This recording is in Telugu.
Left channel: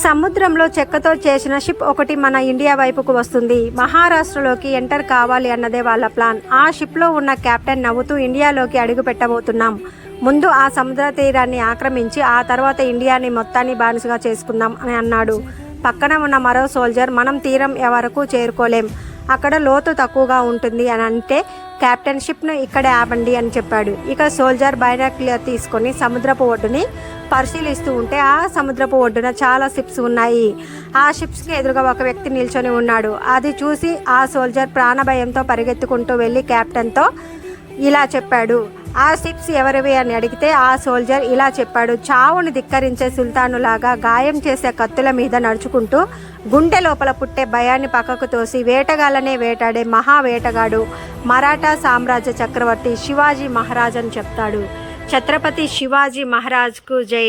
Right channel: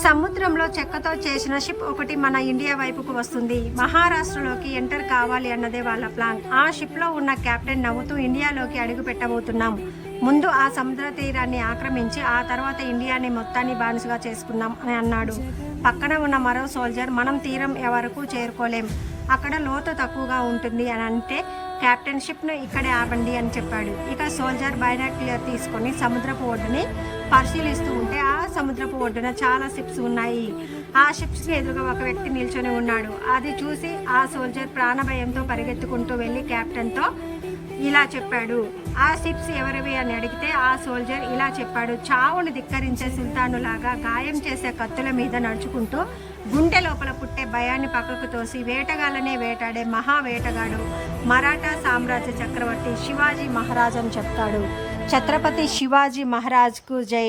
సముద్రంలో చెక్కతో చేసిన షిప్ ఒకటి మన ఇండియా వైపుకు వస్తుంది. మహారాష్ట్రలోకి ఎంటర్ కావాలి అన్నదే వాళ్ళ ప్లాన్. ఆ షిప్లో ఉన్న కెప్టెన్ నవ్వుతూ ఇండియాలోకి అడుగు పెట్టబోతున్నాం. ముందు ఆ సముద్ర తీరాన్ని ఆక్రమించి ఆ తర్వాత ఇండియాని మొత్తాన్ని బానిసగా చేసుకుందాం అని అన్నాడు. పక్కన ఉన్న మరో సోల్జర్, మనం తీరం వరకు చేరుకోలేం, అక్కడ లోతు తక్కువగా ఉంటుంది అని అంటే కెప్టెన్ షిప్ను ఇక్కడే ఆపండి అని చెప్పాడు. ఇక సోల్జర్ బైనాక్యులర్ తీసుకొని సముద్రపు ఒడ్డుని పరిశీలిస్తూ ఉంటే ఆ సముద్రపు ఒడ్డున చాలా షిప్స్ ఉన్నాయి. ఆ షిప్స్కి ఎదురుగా ఒక వ్యక్తి నిల్చొని ఉన్నాడు. అది చూసి ఆ సోల్జర్ ప్రాణభయంతో పరిగెత్తుకుంటూ వెళ్ళి కెప్టెన్తో ఇలా చెప్పాడు. ఆ షిప్స్ ఎవరివి అని అడిగితే ఆ సోల్జర్ ఇలా చెప్పాడు. చావును ధిక్కరించే సుల్తానులాగా గాయం చేసే కత్తుల మీద నడుచుకుంటూ గుండె లోపల పుట్టే భయాన్ని పక్కకు తోసి వేటగాళ్ళనే వేటాడే మహా వేటగాడు మరాఠా సామ్రాజ్య చక్రవర్తి శివాజీ మహారాజ్ అని చెప్తాడు. ఛత్రపతి శివాజీ మహారాజ్కు జై.